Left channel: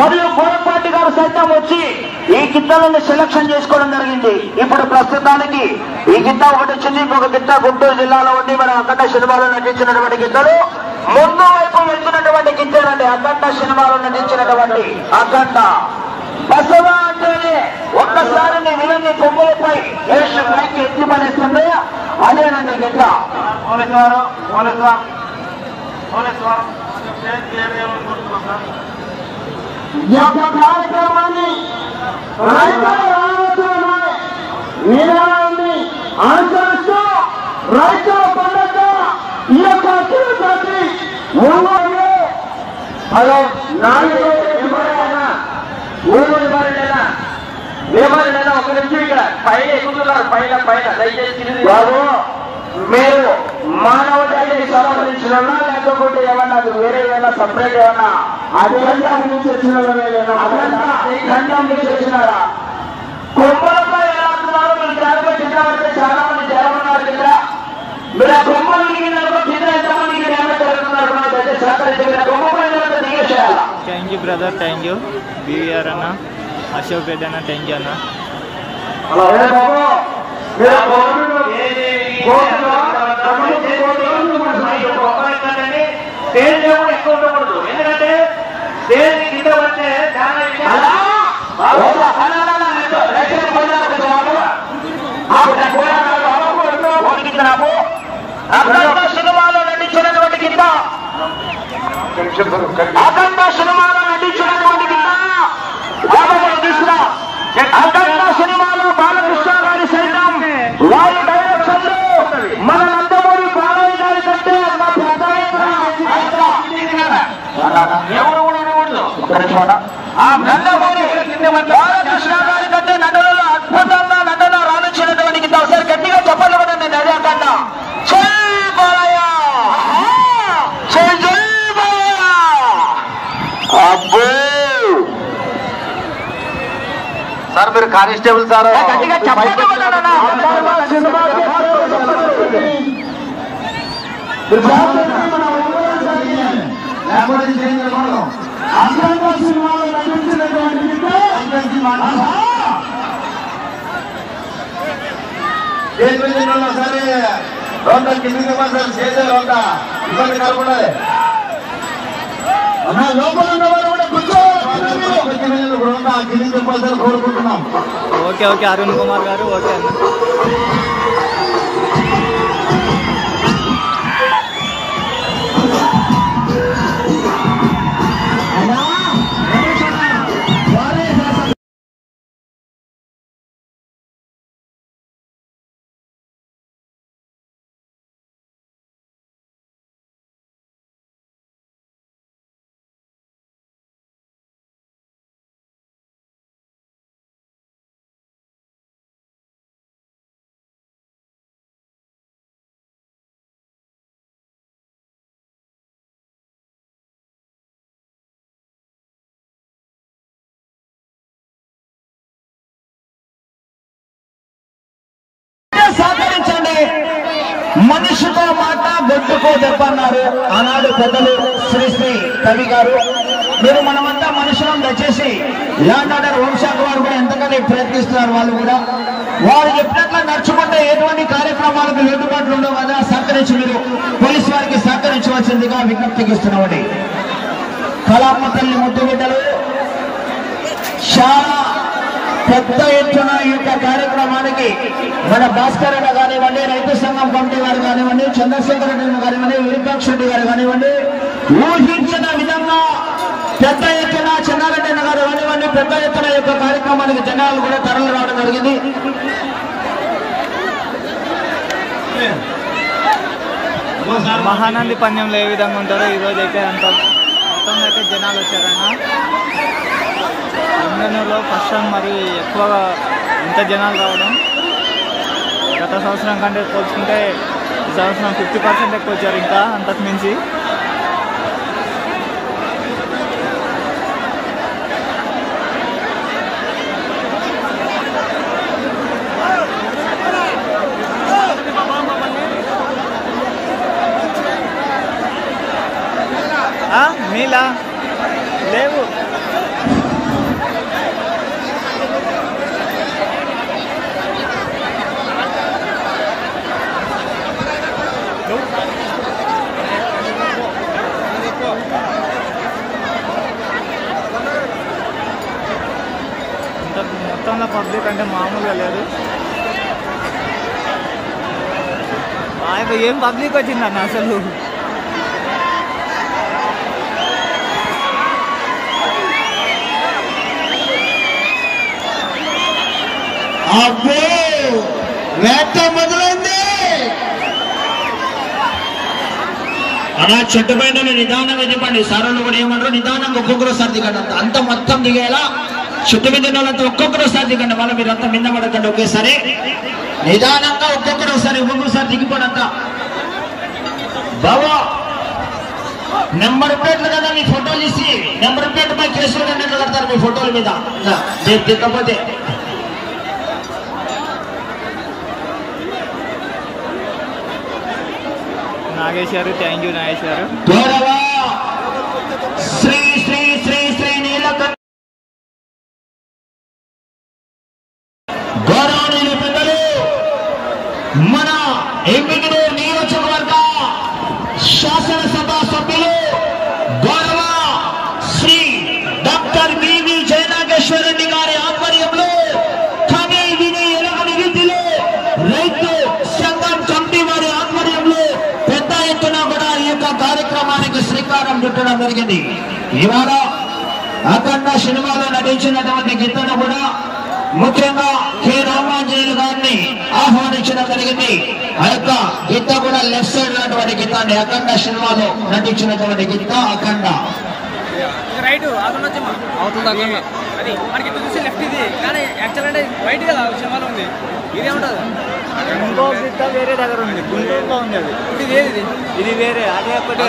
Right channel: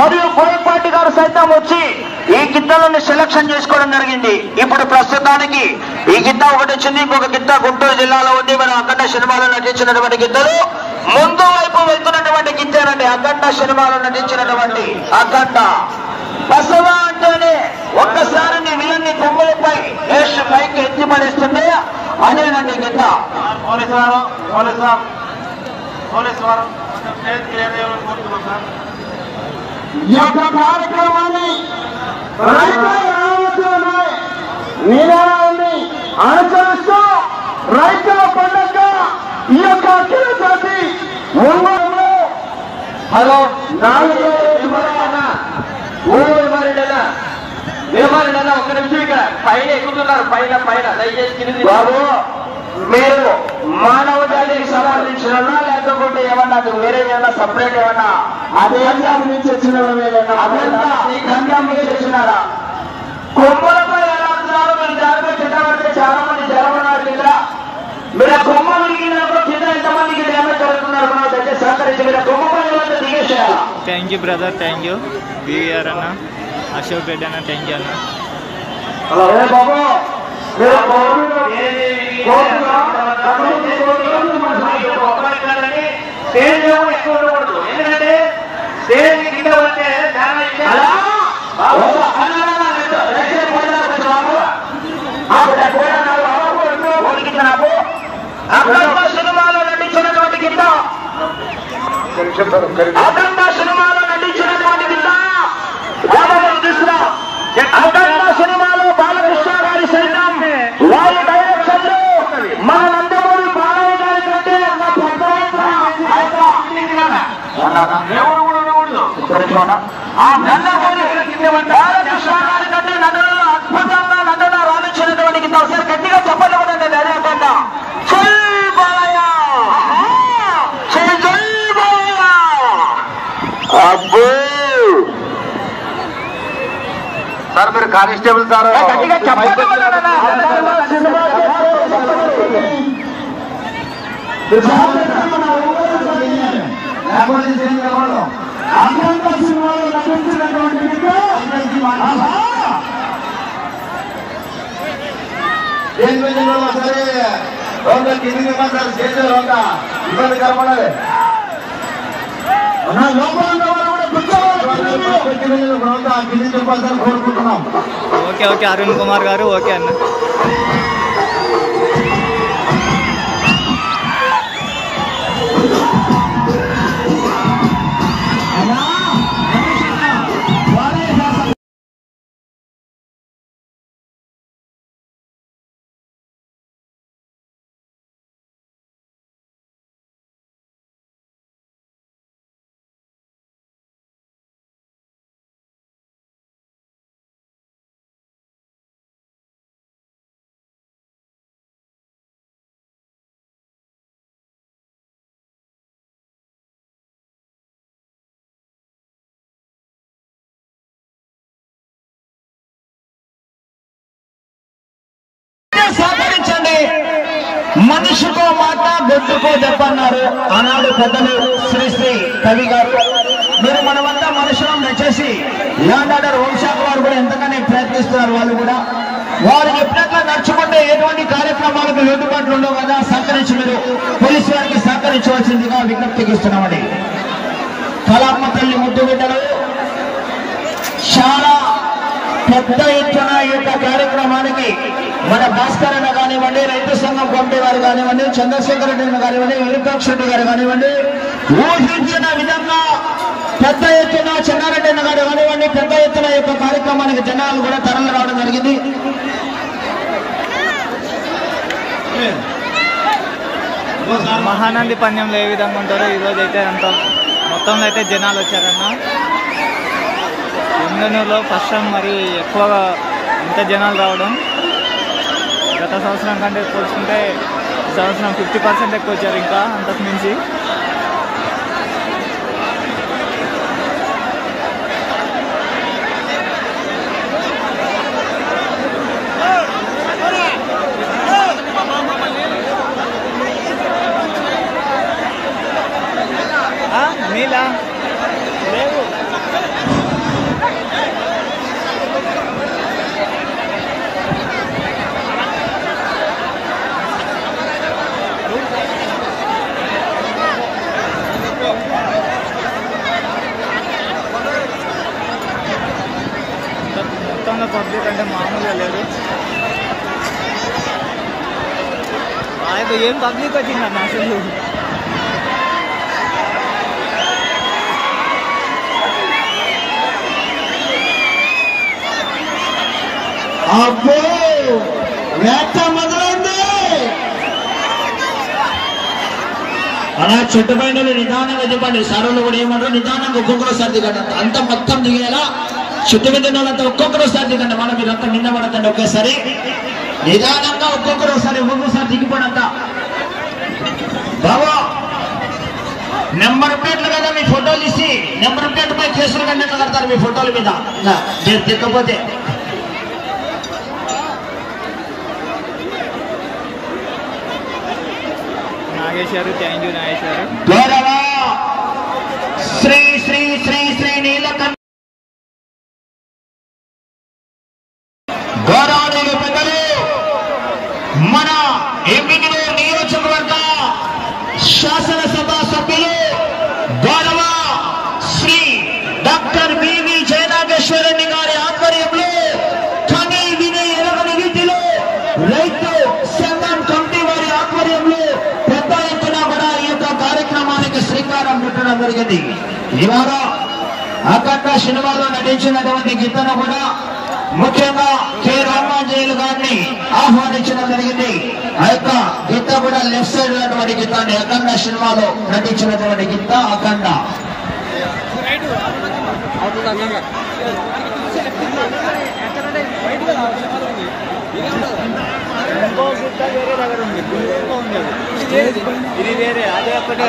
మరియు కోరపాటి గారు సైతం వచ్చి ఈ గిత్తలను సెలక్షన్ చేసుకోవడం జరిగింది. ఇప్పుడు ప్రస్తుతానికి ఈ గిత్త ఒకటి వచ్చింది, ఇంకొక గిత్త గుంటూరు జిల్లాలో ఉంది. మనం అఖండ సినిమాలో నటించినటువంటి గిత్తలు ముందు వైపు వెళ్తున్నటువంటి గిత్తేనండి. అఖండ సినిమాలో నటించినటువంటి అఖండ బసవా అంటేనే ఒక్కసారి నీ విలన్ని కొమ్ములపై వేసి పైకి ఎత్తి పడేస్తుంది అదేనండి గిత్త. ఈ యొక్క కార్యక్రమాన్ని నిరాన్ని ఆచరిస్తూ రైతుల పండుగ ఈ యొక్క తిరుపతి హలో వేమారెడ్డి ఒక నిమిషం ఇక్కడ పైన ఎక్కుతున్నారు. పైన పైన దయచేసి కింది బాబు మీరు మానవ జాతికి సంబంధించిన లేకపోతే ఏమన్నా అది వేరే ఏమన్నా సపరేట్ ఏమన్నా అదే నుంచి వచ్చిన వచ్చినారా కొమ్మలపై ఎలాడుతున్నారు? మీరు జాగ్రత్త చిన్న పడితే చాలా మంది జనం ఉన్నారు కింద. మీరు ఆ కొమ్మలు కింద ఎంతమందికి డ్యామేజ్ జరుగుతున్నారు? సహకరించి మీరు కొమ్మపై దిగేసేయాలి. Thank you brother, thank you BVR అన్న, అశోక్ రెడ్డి అన్న, థ్యాంక్ యూ అన్న. హలో బాబు స్టేజ్ ఎక్కువ ఉండకూడదు. ఎందుకంటే స్టేజ్ కింద వస్తే సినిమాలో నటించినటువంటి కింద అఖండ సినిమాలో నటించినటువంటి కింద సినిమాలో బాలకృష్ణ గారి సైతం వారి డైరెక్షన్ మనందరూ బాలయ్య గారి కంటే బాలకృష్ణ గారి కంటే నటనలో అద్భుతంగా నటన రాణించినటువంటి కింద ఒకసారి గట్టిగా చెప్పలు కూడా నేను అదే అంటా. జై బాలయ్య, జై జై బాలయ్య. అబ్బో సార్ మీరు కానిస్టేబుల్ సార్ గట్టిగా చెప్పండి. సరే కింది ఇబ్బంది కలపడాలి. కోరుకుంటున్నాం. ఓకే ఓకే అరుణ్ కుమార్ గారు, ఓకే అన్న. సహకరించండి. మనిషికో మాట గొడ్డుకో దెబ్బ అన్నారు ఆనాడు పెద్దలు శ్రీ కవి గారు. మీరు మనమంతా మనుషులను దయచేసి ల్యాండ్ ఆర్డర్ హోంశాఖ వారు కూడా ఎంతగానో ప్రయత్నిస్తున్నారు. వాళ్ళు కూడా వారు ఎప్పుడట్లా నడుచుకుంటే ఎటువంటి కార్యక్రమాలకు లోటుపాట్లు ఉండవు కదా. సహకరించి మీరు పోలీసు వారికి సహకరించవలసిందిగా విజ్ఞప్తికి ఇస్తున్నామండి. కళామ్మ తల్లి ముద్దు బిడ్డలు చాలా పెద్ద ఎత్తున ఈ యొక్క కార్యక్రమానికి మన భాస్కర్ అన్న కానివ్వండి, రైతు సంఘం కమిటీ గారు కానివ్వండి, చంద్రశేఖర్ రెడ్డి కానివ్వండి, విరూపాక్ష రెడ్డి గారు కానివ్వండి, ఊహించిన విధంగా పెద్ద ఎత్తున చెన్నారెడ్డి గారు కానివ్వండి, పెద్ద ఎత్తున ఈ యొక్క కార్యక్రమానికి జనాలు కూడా తరలి రావడం జరిగింది. మహానంది పందెంలో ఏ విధంగా ఉంటారో ఈరోజు అయితే అంత మొత్తంలో అయితే జనాలు వచ్చారన్న. ఇంధనూరులో ఫస్ట్ టైం మరి ఎక్కువగా ఇంత జనాలు రావడం. గత సంవత్సరం కంటే పోల్చుకుంటే ఈ సంవత్సరం 50% ఎక్కువ వచ్చారు, ఇంకా అంతకు మించి. నీలా లేవు. మొత్తంలో పబ్లిక్ అంటే మామూలుగా లేరు. ఏం పబ్లిక్ వచ్చిందన్న అసలు. అబ్బో వేట మొదలైంది. అలా చెట్టు పైన నిదానంగా చెప్పండి. సార్లు కూడా ఏమన్నారు, నిదానంగా ఒక్కొక్కరోసారి దిగండి. అంత మొత్తం దిగేలా చెట్టు మీద వాళ్ళంతా ఒక్కొక్కరోసారి దిగండి. మనం మీరంతా మీద పడకండి ఒకేసారి. నిదానంగా ఒక్కొక్కరోసారి దిగిపోడంతా. బాబా నెంబర్ ప్లేట్లు కదా మీ ఫోటోలు ఇచ్చి నెంబర్ ప్లేట్ పై కేసులు కంటే కడతారు మీ ఫోటోల మీద. దిక్కపోతే నాగేశ్వరు, థ్యాంక్ యూ నాగేశ్వరు. శ్రీ శ్రీ శ్రీ శ్రీ నీలకంఠ గౌరవనీయులు పెద్దలు మన ఎంపీడీ నియోజకవర్గ శాసనసభ సభ్యులు గౌరవ శ్రీ డాక్టర్ బివి జయనాగేశ్వరరెడ్డి గారి ఆధ్వర్యంలో కని విని ఎరగని రీతిలో రైతు సంఘం కమిటీ వారి ఆధ్వర్యంలో పెద్ద ఎత్తున కూడా ఈ యొక్క కార్యక్రమానికి శ్రీకారం చుట్టడం జరిగింది. ఇవాళ అఖండ సినిమాలో నటించినటువంటి గీతను కూడా ముఖ్యంగా కె రామాంజనేయులు గారిని ఆహ్వానించడం జరిగింది. ఆ యొక్క గీత కూడా లెఫ్ట్ సైడ్ ఉన్నటువంటి గీతాన్ని అఖండ సినిమాలో నటించినటువంటి గీత అఖండ. ఇంకో గీత వేరే దగ్గర ఉంది, గుంటూరులో ఉంది అది. ఇది వేరే, అదే ఒకటే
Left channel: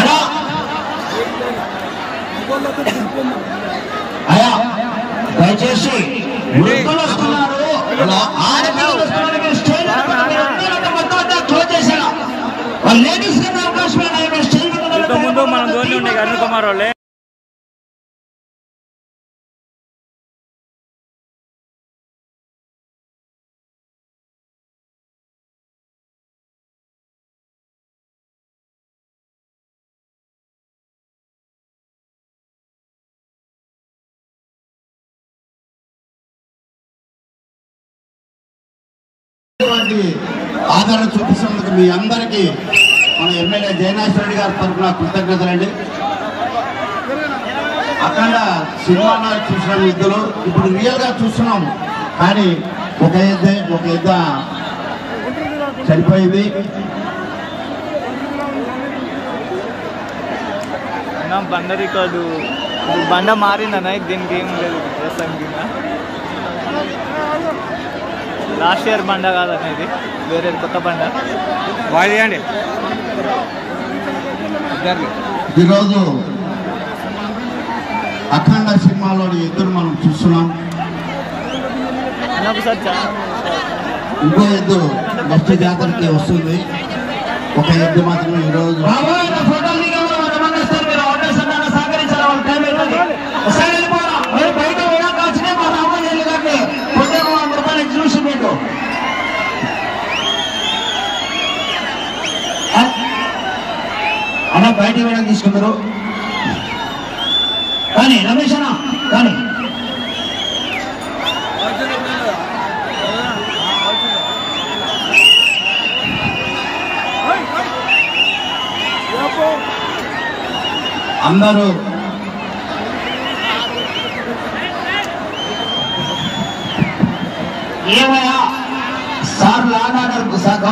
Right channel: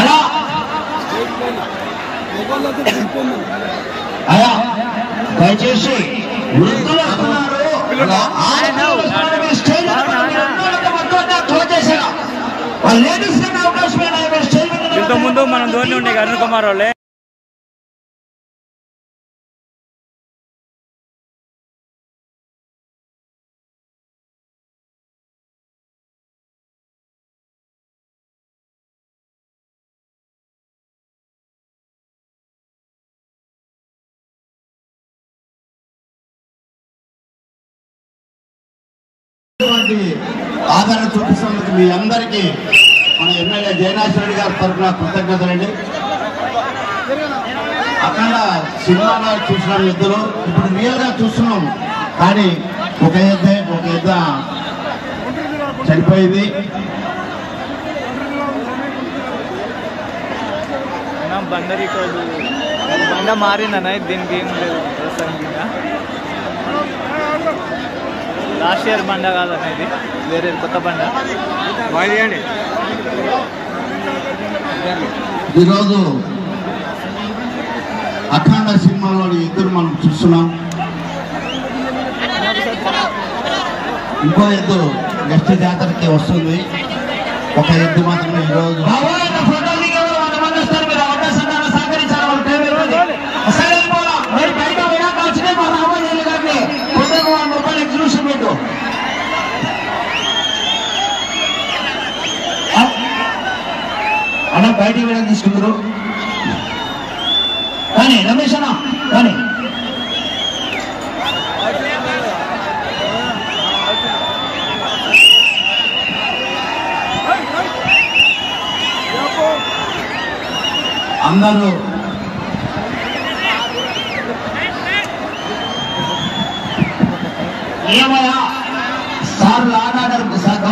అలా అలా దయచేసి వృద్ధులు వస్తున్నారు. ఇంతకుముందు మనం ధోని ఉండే అరుణ్ కుమార్ వాళ్ళే. ఆదరణ చూపిస్తున్నందుకు మీ అందరికీ మన ఎమ్మెల్యే జయనాథ్ రెడ్డి గారి తరఫున కృతజ్ఞతలండి. అక్కడ సినిమా చూసిన ఎద్దులు ఇప్పుడు రియల్ గా చూస్తున్నాం. కానీ ఒక ఎద్ద చనిపోయింది. బండ రికార్డు బండ మారిందన్న, దీనికి ఏం లేదు ప్రస్తుతానికి. లాస్ట్ ఇయర్ బండ కాదన్న, ఇది వేరే కొత్త బండ. ఈరోజు అఖండ సినిమాలోని ఎద్దులు మనం చూస్తున్నాం. ఇంకో ఎద్దు నెక్స్ట్ జాతరకి వస్తుంది. ఒక ఎద్దు మాత్రమే ఈరోజు అన్న బయటికి వెళ్ళి తీసుకున్నారు. కానీ రమేష్ అన్న కానీ అందరూ ఏమయ్యా సార్ లాగారు సార్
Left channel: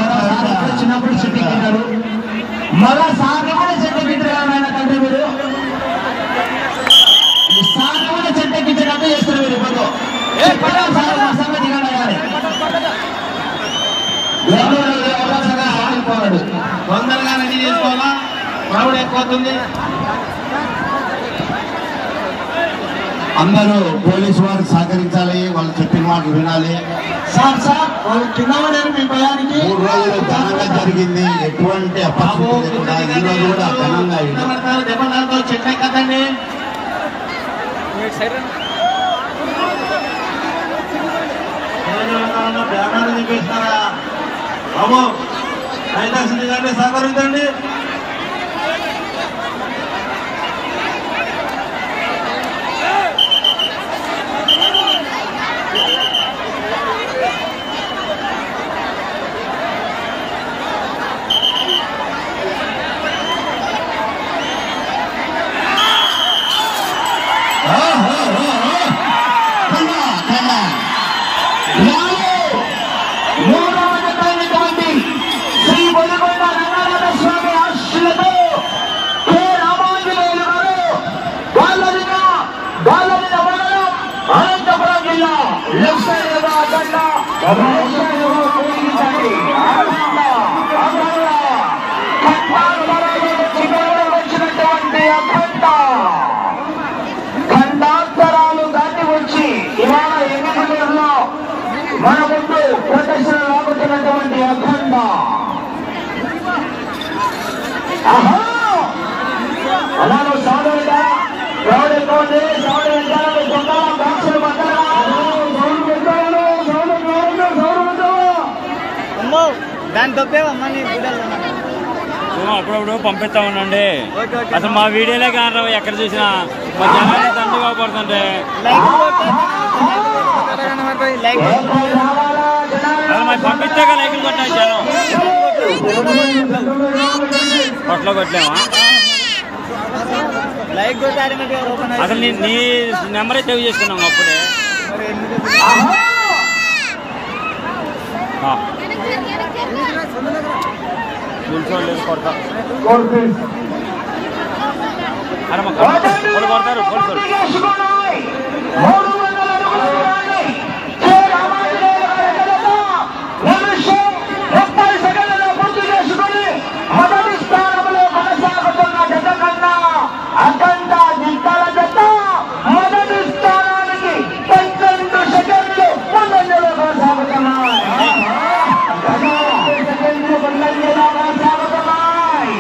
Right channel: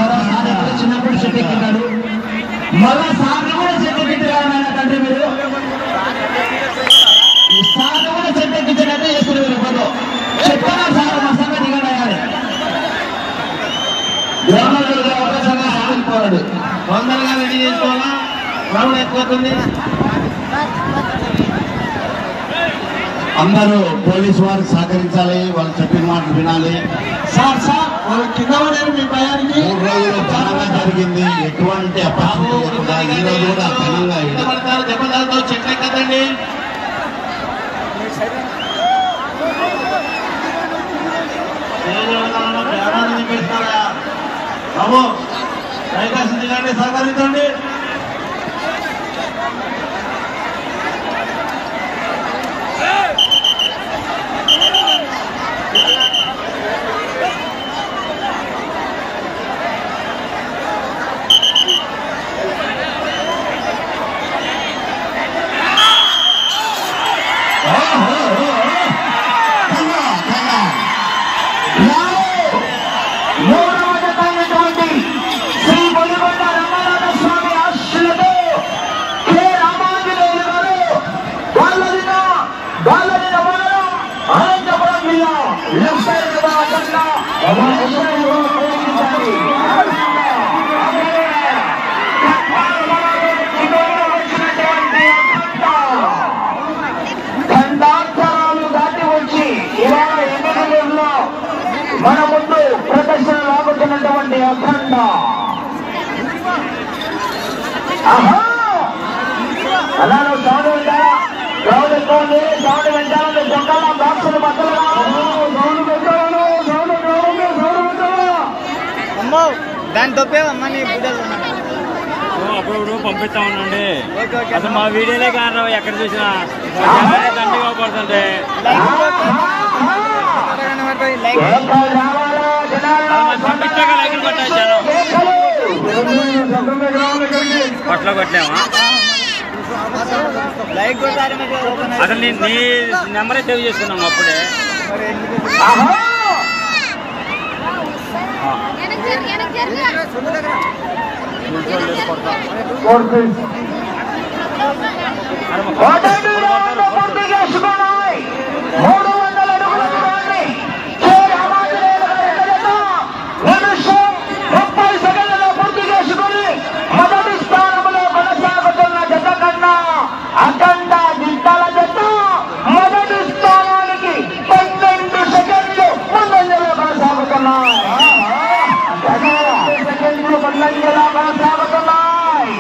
చిన్నప్పుడు చెట్టుకున్నారు. మళ్ళా సార్ కూడా చెట్టుకించారంటే మీరు సార్ కూడా చెట్టుకించినట్టే చేస్తారు. మీరు ఇప్పుడు చెప్తారా సార్ మా సంగతి దిగడాలి సాగిపోవాడు. తొందరగా రెడీ చేసుకోవాలా, క్రౌడ్ ఎక్కువవుతుంది. అందరూ పోలీసు వారికి సహకరించాలి, వాళ్ళు చెప్పిన మాట వినాలి. సార్ సార్ వాళ్ళు కింద పడారు మీ భయానికి. 3 రోజులు ఘనంగా జరిగింది. ఎటువంటి అపార్చునిటీ కూడా ఈ రోజు కూడా ఘనంగా దెబ్బలతో చెట్లు ఎక్కదండి. బాబు దయచేసి గారిని సహకరించండి. ఖండాంతరాలు దాటి వచ్చి ఇవాళ ఎన్నికలలో మన ముందు ప్రదర్శన లాగుతున్నటువంటి అఖండ అలా నువ్వు సౌండ్ పెట్టారా? సౌండ్ ఎక్కువ ఉంది, సౌండ్ పెట్టాలా? నువ్వు దొంగలా బాక్సులు బద్దలు సౌండ్ పెట్టాలను, సౌండ్ పెట్టాలా? అమ్మో దాన్ని తప్పేవమ్మా నీ బుడ్డలు అప్పుడప్పుడు పంపిస్తా ఉండండి. అసలు మా వీడియోలే కానీ ఎక్కడ చూసినా కొడుతుంది. పంపించాక లైకులు కొట్టాను. కొట్లో కొట్టలేమా? లైక్ కొట్టారు. అసలు నీ నెంబరే సేవ్ చేసుకున్నాం అప్పుడే. మరి ఎందుకు మొదటి స్థానంలో కొనసాగుతున్న జత కన్నా అఖండ జింతాల జత మొదటి స్థానానికి 12 సెకండ్లు ముందంజలో కొనసాగుతున్నాయి. సెకండ్లు ముందంజలో కొనసాగుతున్నాయి.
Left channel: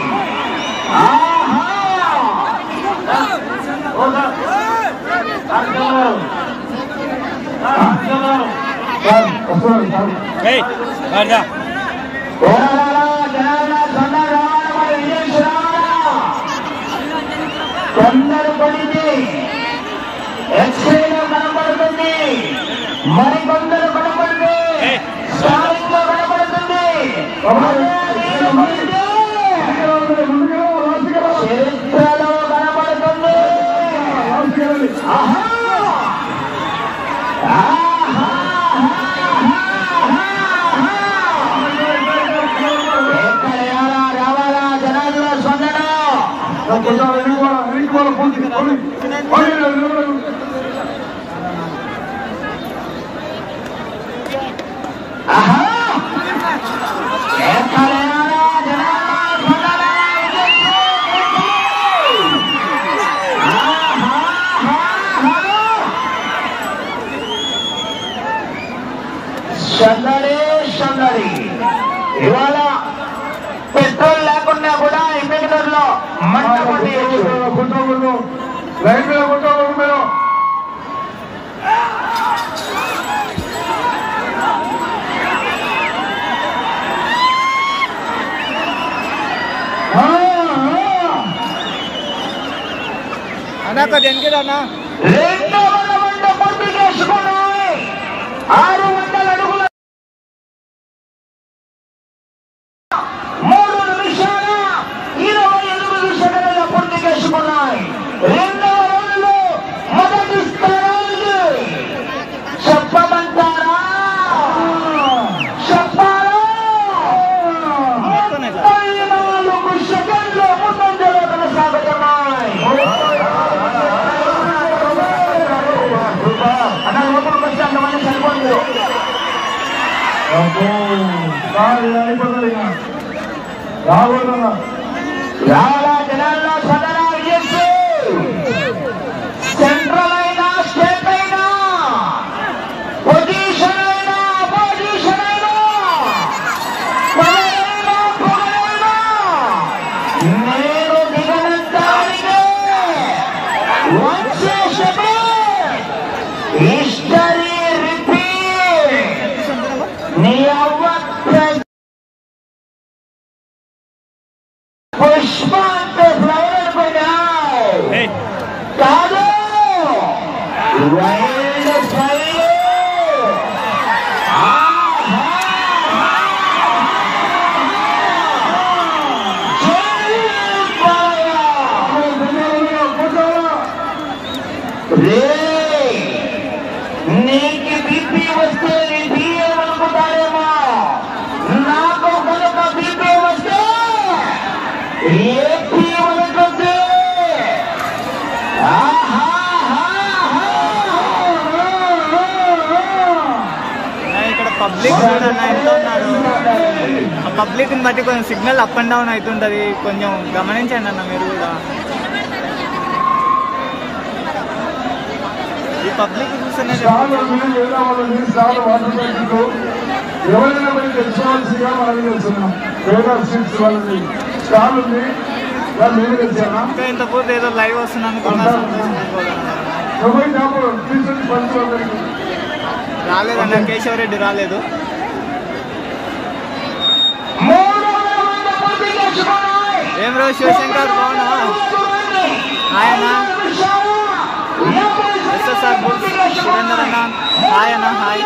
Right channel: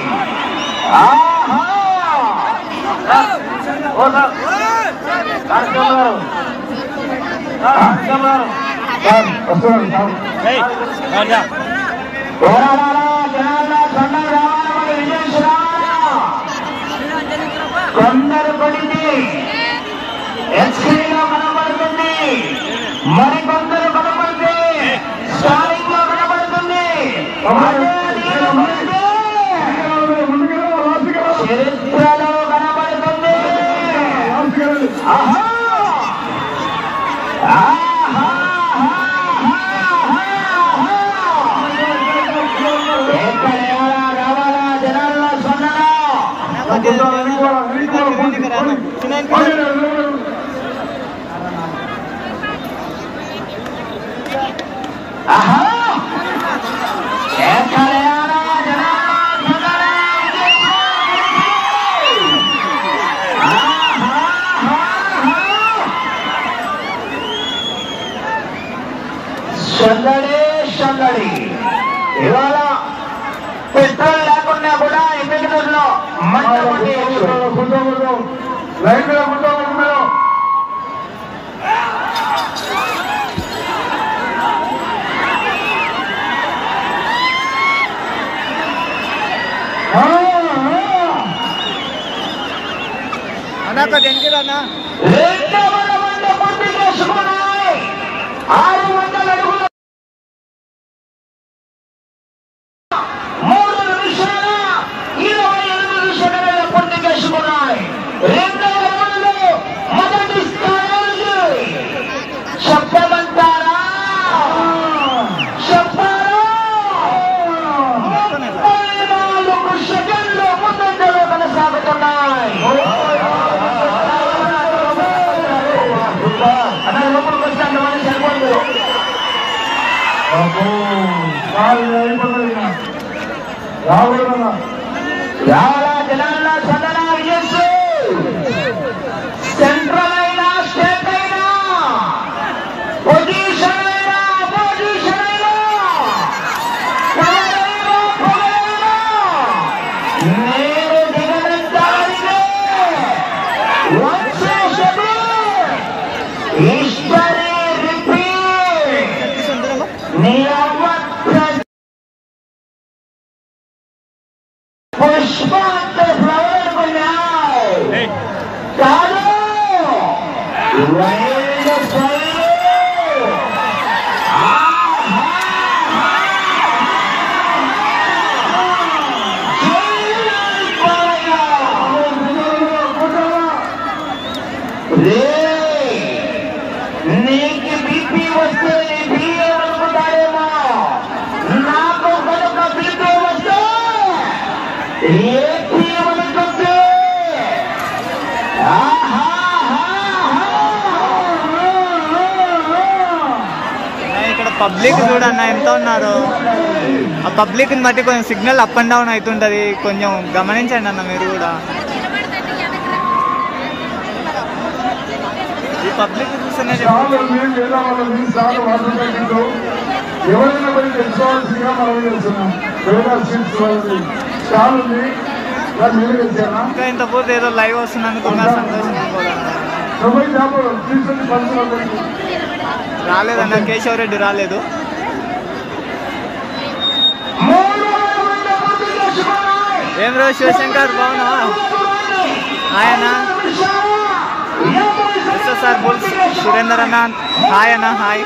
కొందరు పడింది ఎక్స్రేలో కనపడుతుంది, మరికొందరు కనపడితే స్టాలింగ్ లో కనపడుతుంది, చరిత్రలో కనపడుతుంది. రావాలా జనాల్లో స్పందన. సందడి సందడి ఇవాళ పెట్రోల్ లేకుండా కూడా ఇంపెక్టర్లో మంట అన్నా దేనికి అన్నా 200 మంది పూర్తి చేసుకున్నాయి. 600 అడుగుల 3 నిమిషాల 28 సెకండ్ల పూర్తి చేసుకున్నాయి. రెండవ రౌండ్లో మొదటి స్థానానికి చెప్పమంటారా? చెప్పాలా? 34 సెకండ్లు ముందంజలో కొనసాగుతున్నాయి. సెంట్రల్ అయినా స్టేట్ అయినా పొజిషన్ అయినా పొజిషన్ అయినా నేను దిగినంతానికి హిస్టరీ రిపీట్. నీ అవ్వ పుష్పంటే ప్రయోజనాలు కాదు. వైల్డ్ ఫైర్ నీకు బీపీ వస్తే బియ్యం అనుకుంటాడేమో, నాకు కనుక బీపీ వస్తే ఏపీ అనుకుంటే ఇక్కడ పబ్లిక్ పబ్లిక్ చూడన్న ఎంత ఉన్నారు. ఆ పబ్లిక్ని బట్టి కొంచెం సిగ్నల్ అప్ అండ్ డౌన్ అవుతుంటుంది, కొంచెం గమనించండి అన్న మీరు కూడా. ఈ పబ్లిక్ చూస్తేనే ఎవరైనా పోయి తెచ్చుకోవాల్సిందిగా మనం చేస్తున్నాం. వేరే స్వీట్స్ వాళ్ళని స్టాల్ ఉంది, మీరు తెచ్చారా? ఇంకా ఇంత పూర్తి ఏదో లైవ్ వస్తున్నందుకు సంతోషించుకోవాలన్న. రాలేదన్న, కేశవ్ రెడ్డి రాలేదు. ఏం రోజు శివశంకర్ బాగున్నా ఆయన సార్ బుల్స్ సురేందర్ అన్న హాయ్ అన్న హాయ్.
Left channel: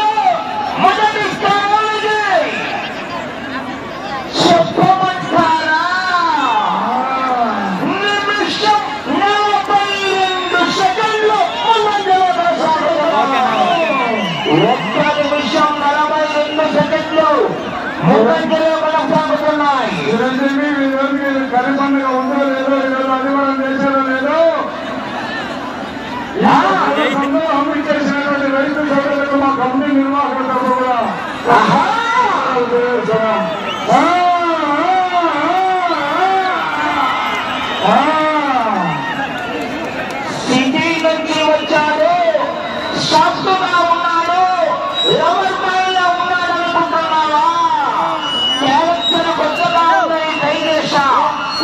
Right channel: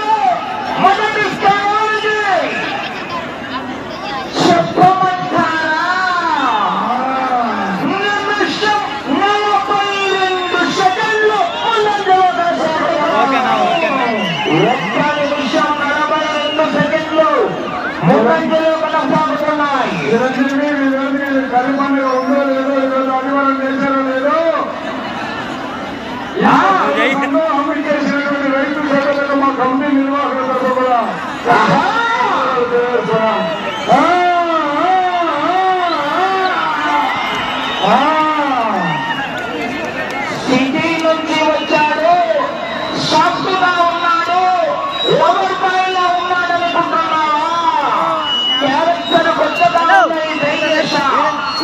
ఓకేనా ఓకేనా. కరి పండుగ ఉందో లేదో, ఈరోజు ఆదివారం చేశారో లేదో, చేసినటువంటి రైతు సోదరులు మా కమిటీ నిర్వాహకుల తరఫు కూడా సిటీ నుంచి వచ్చాడు, సాఫ్ట్గా ఉన్నాడు, లవర్ బాయ్ లో ఉన్నాడు అనుకుంటున్నావా? క్యారెక్టర్ కొత్తగా ఉన్నాయి, ట్రై చేశా.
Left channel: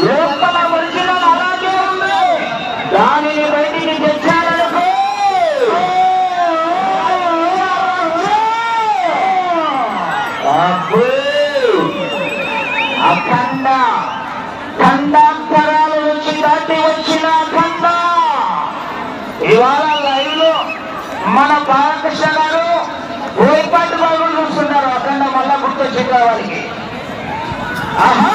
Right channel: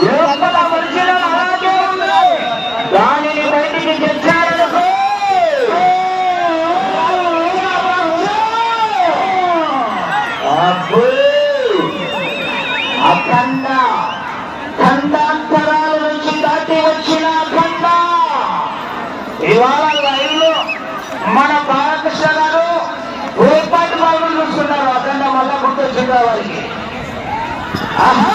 లోపల ఒరిజినల్ అలాగే ఉంది, దానిని బయటికి తెచ్చాడనుకో. అఖండ ఖండాంతరాల నుంచి దాటి వచ్చిన అఖండ ఇవాళ లైవ్ లో మన బాలకృష్ణ గారు వేపాటి బాబులు చూస్తున్నారు. అఖండ మళ్ళా గుర్తొచ్చింది వారికి. ఆహా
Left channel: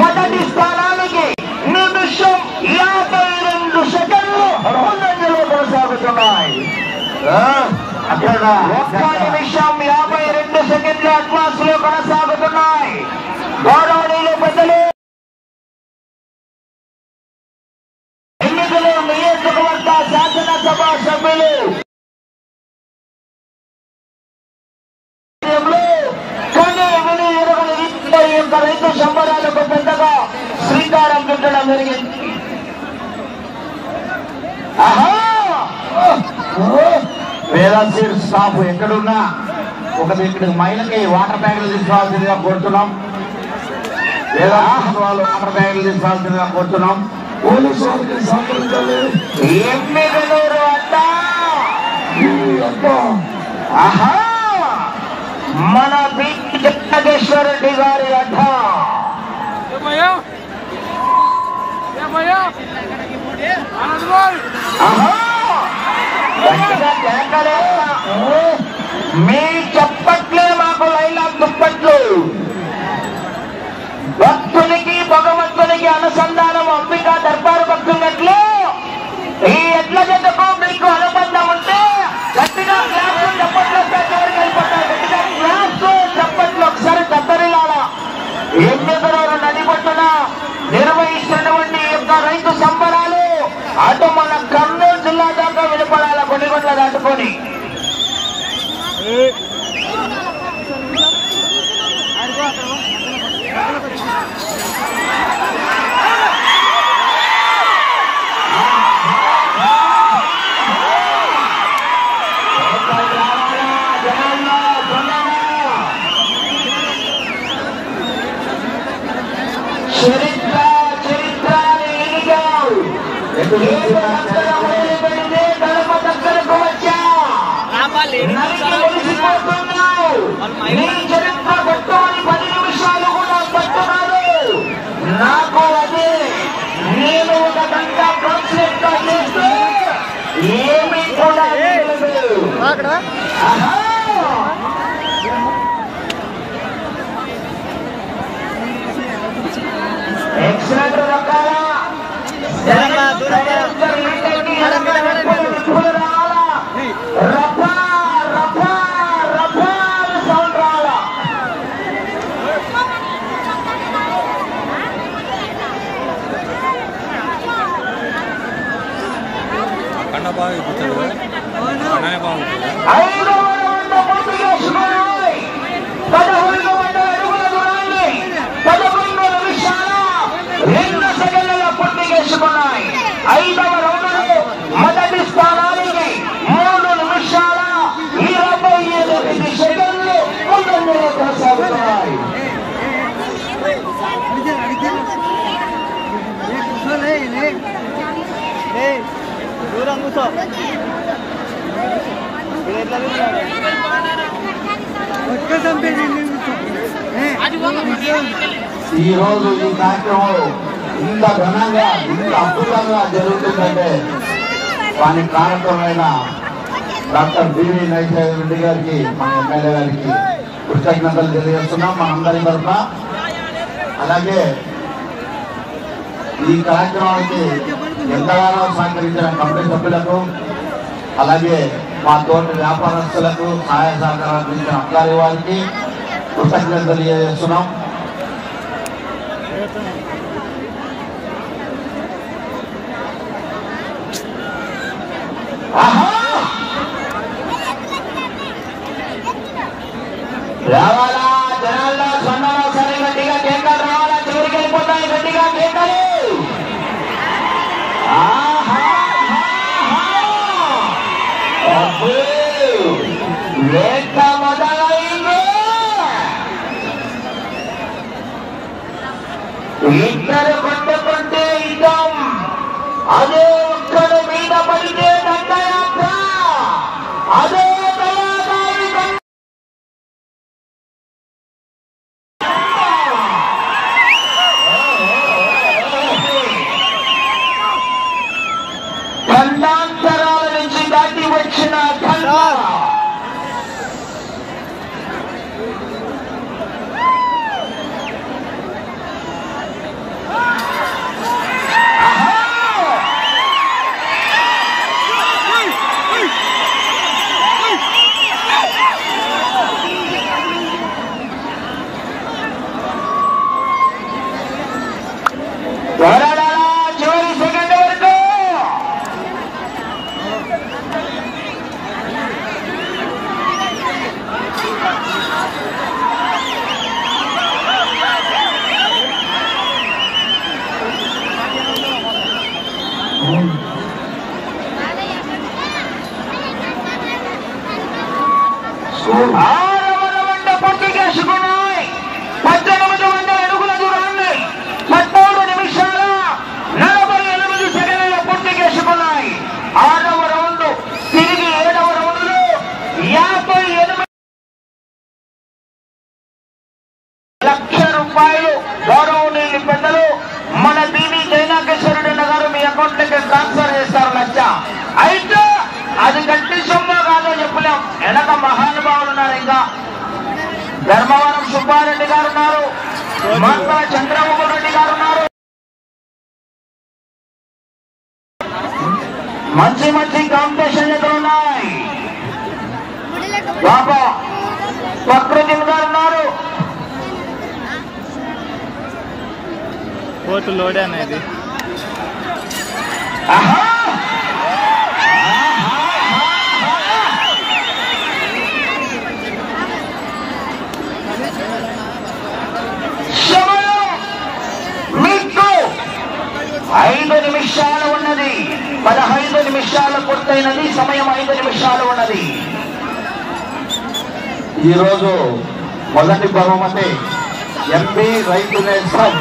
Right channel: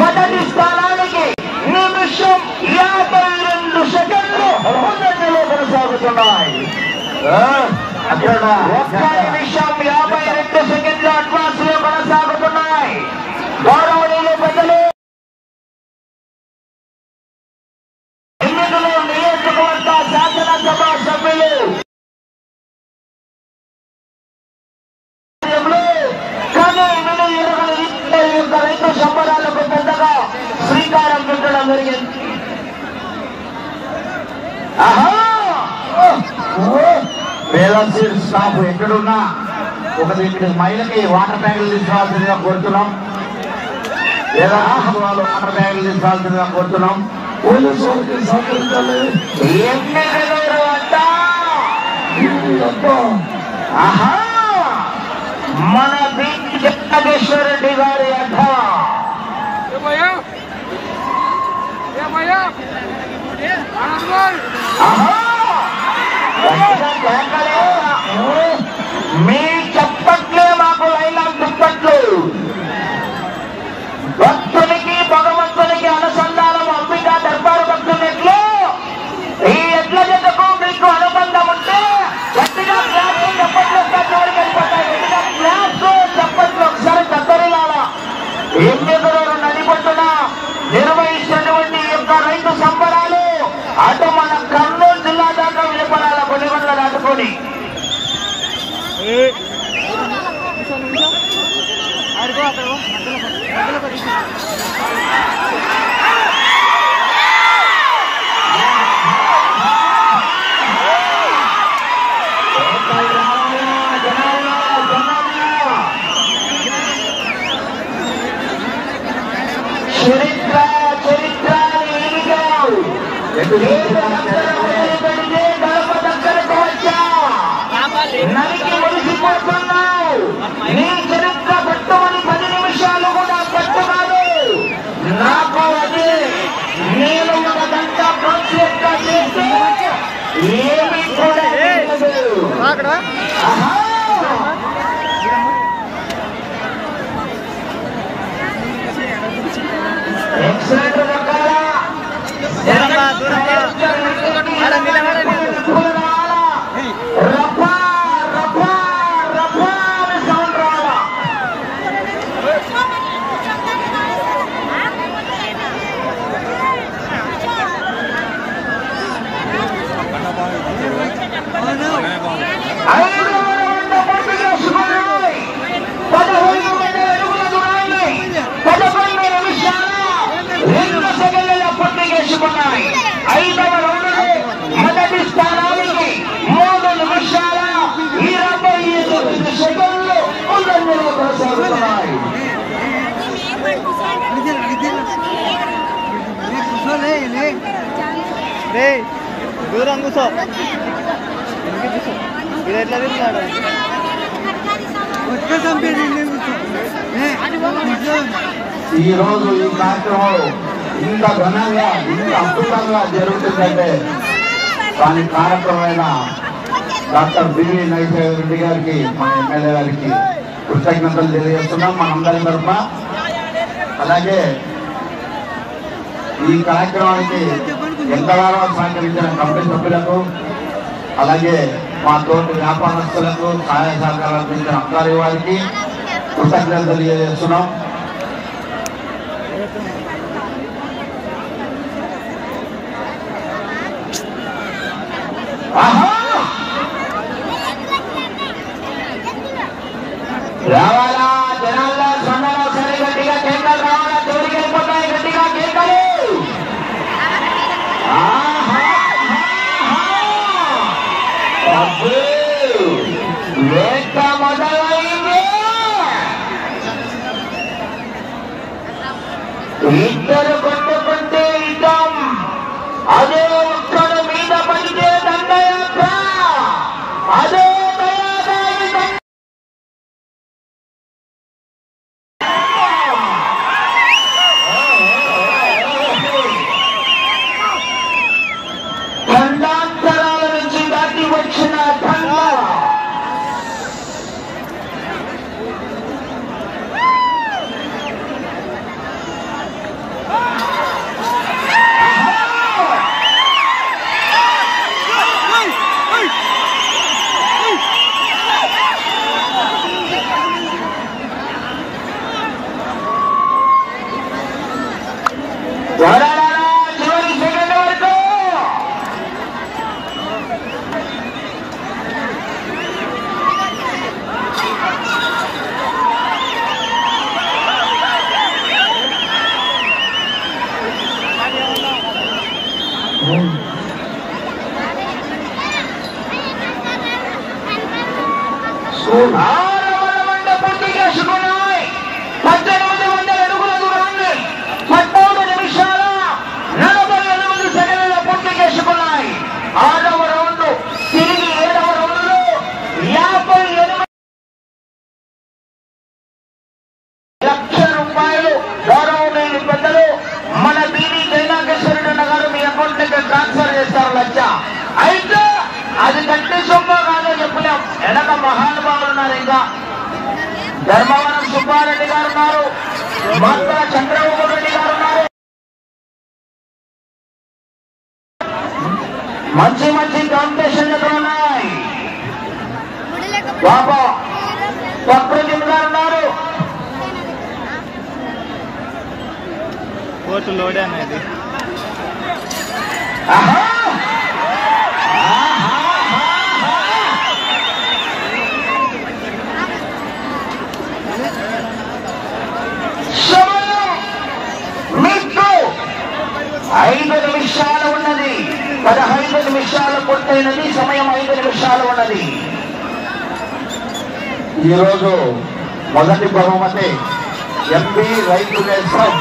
మొదటి స్థానానికి నిమిషం 52 సెకండ్లు ముందంజలో కొనసాగుతున్నాయి. ఒక్క నిమిషం 52 సెకండ్లు అడ్వాన్స్ లో కొనసాగుతున్నాయి. గౌరవనీయులు పెద్దలు, ఎన్నికలు నియోజకవర్గ శాసనసభ సభ్యులు రైతు సంబరాలకు పెద్దగా శ్రీకారం చుట్టడం జరిగింది. పేరాసీర్ స్టాఫ్ ఎక్కడున్నా ఒకటి ఇక్కడ మహిళకి వాటర్ ట్యాంకులు తీసుకోవాల్సిందిగా కోరుతున్నాం, లేదా వాళ్ళు వాటర్ ట్యాంకులు తీసుకోవాల్సిందిగా కోరుతున్నాం. మన జగదీశ్వర రెడ్డి గారి అడ్డ మీ చెప్పట్లే మాకు లైలాగ్ దుప్పట్లు. భక్తునికి భగవంతునికి అనుసంధానం అంబికా దర్బారు భక్తున్నట్లు ఈ ఎడ్ల జతకు మీకు అనుబంధం ఉంటే గట్టిగా చెప్పట్లు వరకు వెళ్ళిపోతారు. చెప్పట్లు ఒకసారి కత్తరిలాగా ఏం చేశారు? నడిపట్టున నిర్వహిస్తున్నటువంటి యొక్క రైతు సంబరాలు అటు మన కర్నూలు జిల్లా దాకా వినపడాల కొన్నిగొండ దాటుకొని. చరిత్ర గడప దగ్గరకు వచ్చా నరికి మురిసిపోతున్నావు. నీ చరిత్ర పట్టుమని 10 నిమిషాలు కూడా పట్టు కాదు నాకు. అది నేను 1 గంట కాన్సెప్ట్ గా చేస్తే ఏమీ కూడా ఎక్సలెంట్ రకాలా రఫా రఫా రఫా అని సౌండ్ రావాలా. ఐదవ రౌండ్ పూర్తి చేసుకున్నాయి. 15 మండల అడుగుల దూరాన్ని 11 నిమిషాల 2 సెకండ్లలో పూర్తి చేసుకున్నాయి. 5వ రౌండ్లో మొదటి స్థానానికి 3 నిమిషాల 28 సెకండ్లు ముందంజలో కొనసాగుతున్నాయి. దూరం కూర్చో. ఈ రోజు ఈ కార్యక్రమం ఇంత ఘనంగా ఇంత అద్భుతంగా జరుగుతుందంటే దానికి కారకమైన డాక్టర్ బివి నైజాయ్ రెడ్డి గారికి, మన ఎమ్మెల్యే గారికి కృతజ్ఞతలు తెలియజేస్తున్నాం మనందరి తరఫున. అలాగే ఈ కార్యక్రమానికి ఎంతగానో సహకరించిన కమిటీ సభ్యులకు, అలాగే మా తోటి వ్యాపారస్తులకు సహాయ సహకారాలు అందించిన అధికారి వారికి కృతజ్ఞతలు తెలియజేస్తున్నాం. రావాలా జనాల్లో సొందలో సరే గట్టిగా కేకలు రావాలా. చివరికి వెళ్ళిపోతాయి గట్టిగా కేకలు. వేట మొదలైంది. ఇద్దరు కొట్టుకుంటే యుద్ధం. అదే ఒక్కడు మీద పడితే దండయాత్ర. అదే దయాదారి ఖండాంతరాల నుంచి దాటి వచ్చిన ఖండ. చివరి సెకండ్ వరకు పూర్తి చేసుకున్నాయి. 1800 అడుగుల దూరాన్ని 13 నిమిషాల 48 సెకండ్ల పూర్తి చేసుకున్నాయి. 6వ రౌండ్ తిరిగి 7వ రౌండ్ లో 58 లక్షల రూపాయలు గౌరవనీయులు పెద్దలు మన బీవీ జయనాగేశ్వరుడు గారు మీ అకౌంట్ కి ట్రాన్స్ఫర్ చేస్తారు 1 లక్ష. అయితే అది గట్టి సొమ్ము కాదు చెప్పలేం. వెనక మహానుభావులు ఉన్నారు. ఇంకా ధర్మవరం సుబ్బారెడ్డి గారు ఉన్నారు, మంత్ర చంద్రబాబు రెడ్డి గారు ఉన్నారు. మంచి మంచి కాంపిటీషన్లు ఉన్నాయి. బాబా ప్రకృతి గారు ఉన్నారు. కోర్టు లోడే అనేది మీకు 5 నిమిషాలు ఉన్నది. 15 నిమిషాలు పూర్తయినది. సమయం 5 నిమిషాలు ఉన్నది. ఈరోజు మొదటి బహుమతి ఎంపీ రైతు నేస్తం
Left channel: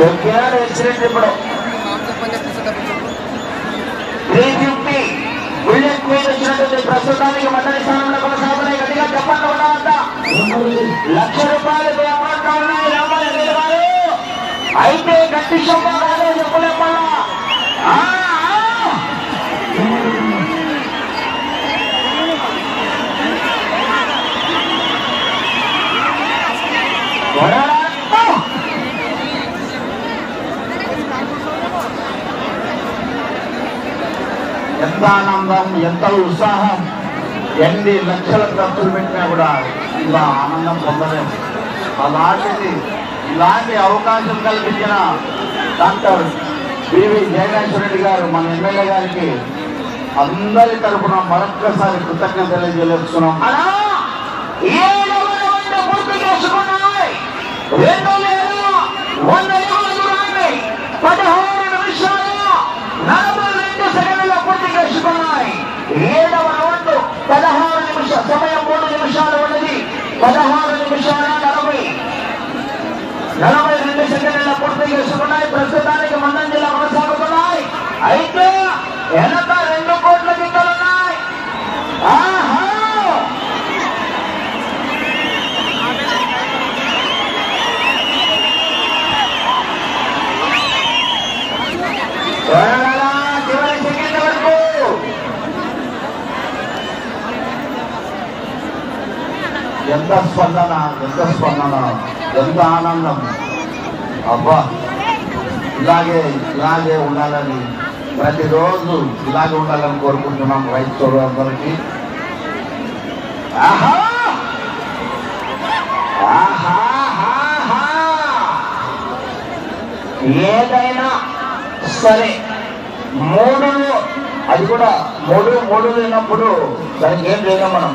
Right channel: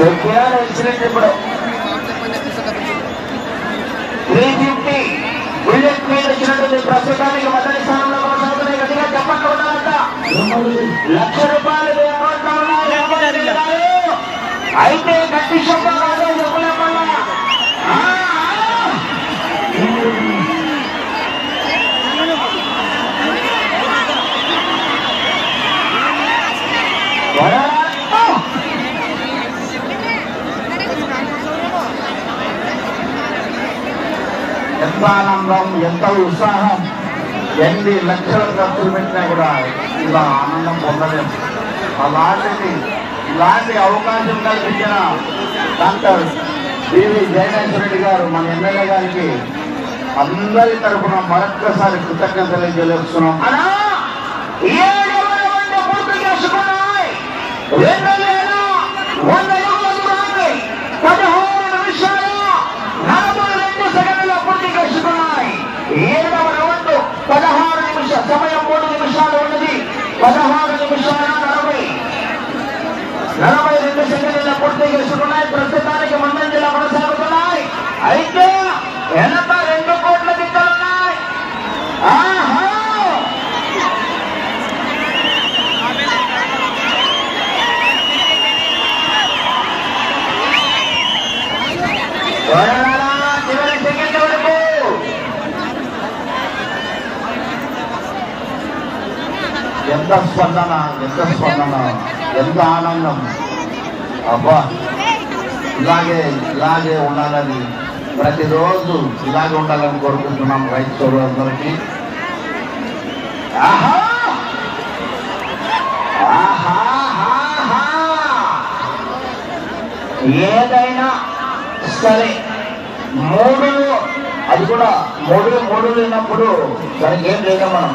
వచ్చినట్టు ఇప్పుడు 350 బుల్లెట్ మీద వచ్చినట్టుంది. ప్రస్తుతానికి మొదటి స్థానంలో కొనసాగుతున్నాయి. గట్టిగా చెప్పట్లు ఉన్నారంట. ₹1,00,000 అకౌంట్లో ఉన్నాయి. రాబోయే గారు అయితే గట్టి శోభ కాదు చెప్పులేమ్మల్లా. ఎంత ఆనందం, ఎంత ఉత్సాహం. ఎన్ని లక్షల ఖర్చులు పెట్టినా కూడా ఇలా ఆనందం పొందలేము. అలాంటిది ఇలాంటి అవకాశం కల్పించిన డాక్టర్ పివి జయనేశ్వర రెడ్డి గారు మన ఎమ్మెల్యే గారికి అందరి తరఫున మరొక్కసారి కృతజ్ఞతలు తెలియజేస్తున్నాం. పూర్తి చేసుకున్నాయి. 2,100 అడుగుల దూరాన్ని 16 నిమిషాలు 42 సెకండ్ల పూర్తి చేసుకున్నాయి. 7వ రౌండ్ 16 నిమిషాలు, సమయం 3 నిమిషాలు ఉన్నది. 16 నిమిషాల 42 సెకండ్ల పూర్తి చేసుకున్నాయి. ప్రస్తుతానికి ముందంజలో కొనసాగుతున్నాయి. అయితే వెనక 2 కోట్ల గిక్కలున్నాయి. ఆహా చివరి సెకండ్ వరకు ఎంత స్పందన, ఎంత స్పందన, ఎంత ఆనందం. అబ్బా ఇలాగే ఉండాలని, ప్రతిరోజు ఇలాగే ఉండాలని కోరుకుంటున్నాం రైతు సోదరులందరికీ. ఏదైనా సరే 3 అది కూడా 3 లేనప్పుడు దానికి ఏం చేయలేం మనం.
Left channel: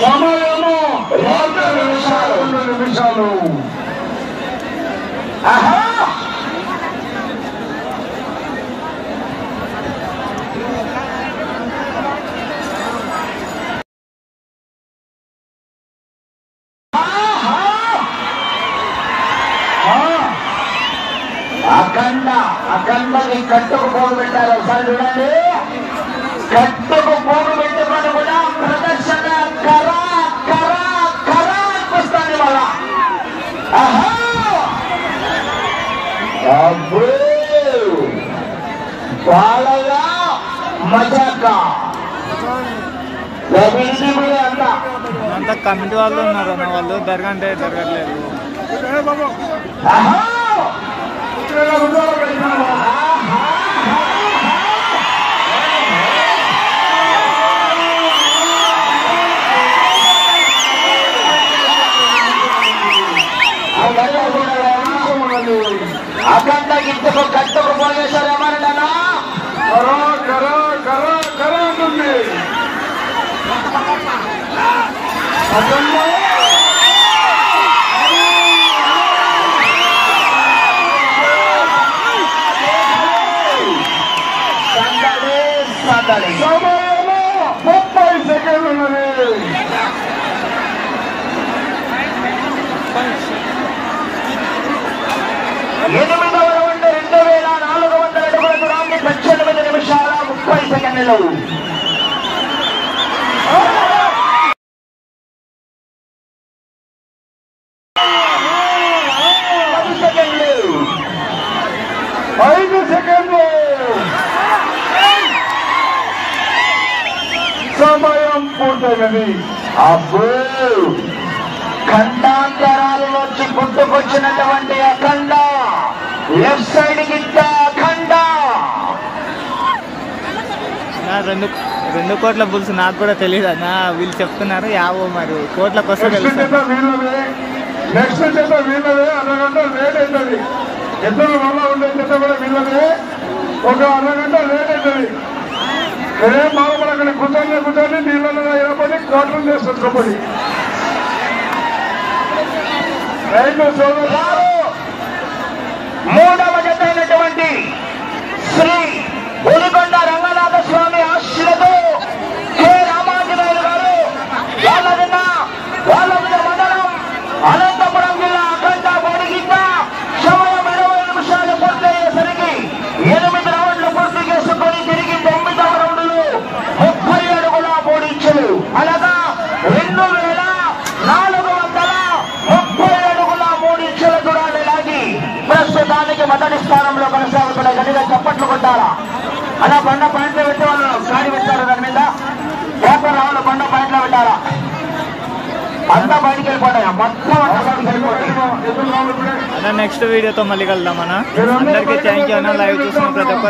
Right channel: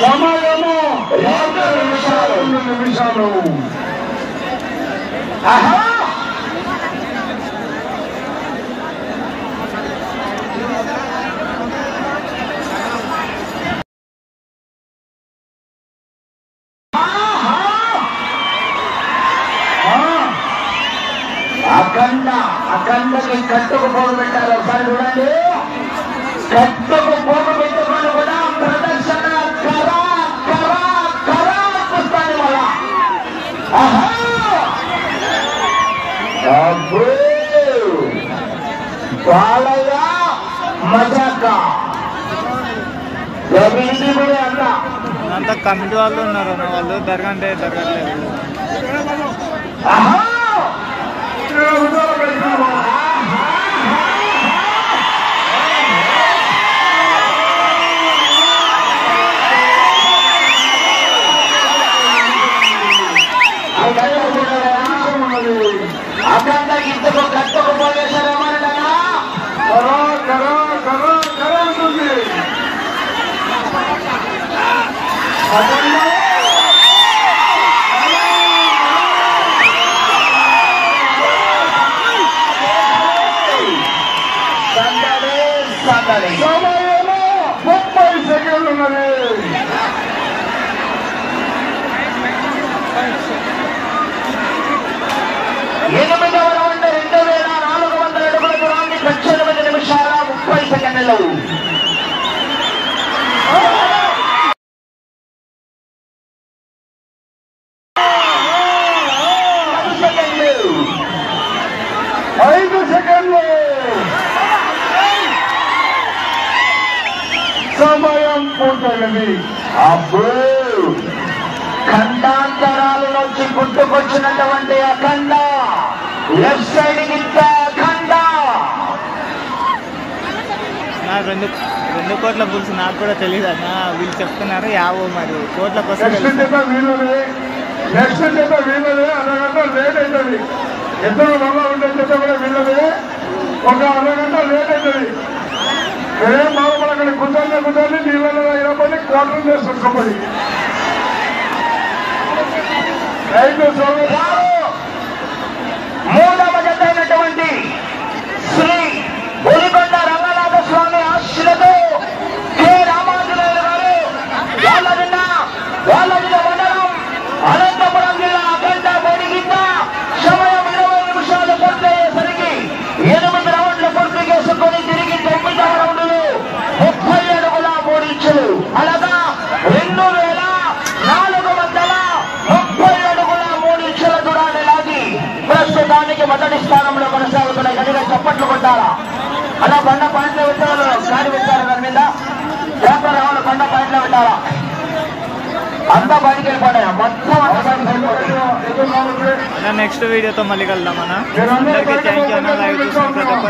సమయము 2 నిమిషాలు. అఖండకి కట్టుకు పోగు పెట్టారు. ఒకసారి చూడండి. కట్టుకు పోగు పెట్టుకొని కూడా ప్రదర్శన వస్తుంది మళ్ళా. బాలయ్య మజాక అంతా కమిటీ వాళ్ళు ఉన్నారు అన్న. వాళ్ళు జరగంటే జరగట్లేదు. అఖండ ఇంతకు కట్టుకు పోయేశారేమని సమయము 30 సెకండ్లు ఉన్నది. ఎనిమిదవ రౌండ్ 2,400 అడుగుల దూరాన్ని 18 నిమిషాల 30 సెకండ్లు. సమయం పూర్తయింది. అబ్బో ఖండాంతరాలలోంచి పుట్టుకొచ్చినటువంటి అఖండ లెఫ్ట్ సైడ్ గిట్ట అఖండ. నా 2 కోట్ల బుల్స్ నాకు కూడా తెలియదు అన్న. వీళ్ళు చెప్తున్నారు 50 మరి కోట్లకు వస్తే తెలుసు. నెక్స్ట్ జత వీళ్ళదే. అరగంట లేట్ అవుతుంది. ఇద్దరు వల్ల ఉండే జత కూడా వీళ్ళదే. ఒక అరగంట లేట్ అవుతుంది. ఒరే మామూలు అక్కడ కూర్చొని నీ వల్ల 20 కోట్లు చేసుకొని రైతు సోదరు 3వ జత అయినటువంటి శ్రీ బొలికొండ రంగనాథ స్వామి ఆశీస్సులతో కె రామాంజనేయులు గారు వాళ్ళ మండలం అనంతపురం జిల్లా అఖండ మొదటి స్థానంలో కొనసాగుతున్న గట్టిగా చప్పట్లు కొట్టాలా. అలా బండ పాయింట్లో పెట్టేవాళ్ళు గాడి పెట్టారు. దాని మీద వ్యాపార రావాలి బండ పాయింట్లో పెట్టాలా. అంతా బయటికి వెళ్ళిపోతాయా మొత్తం అన్న నెక్స్ట్ వీడియోతో మళ్ళీ కలుద్దాం అన్న. అందరికీ థ్యాంక్ యూ అన్న. లైవ్ చూసిన ప్రతి ఒక్కరు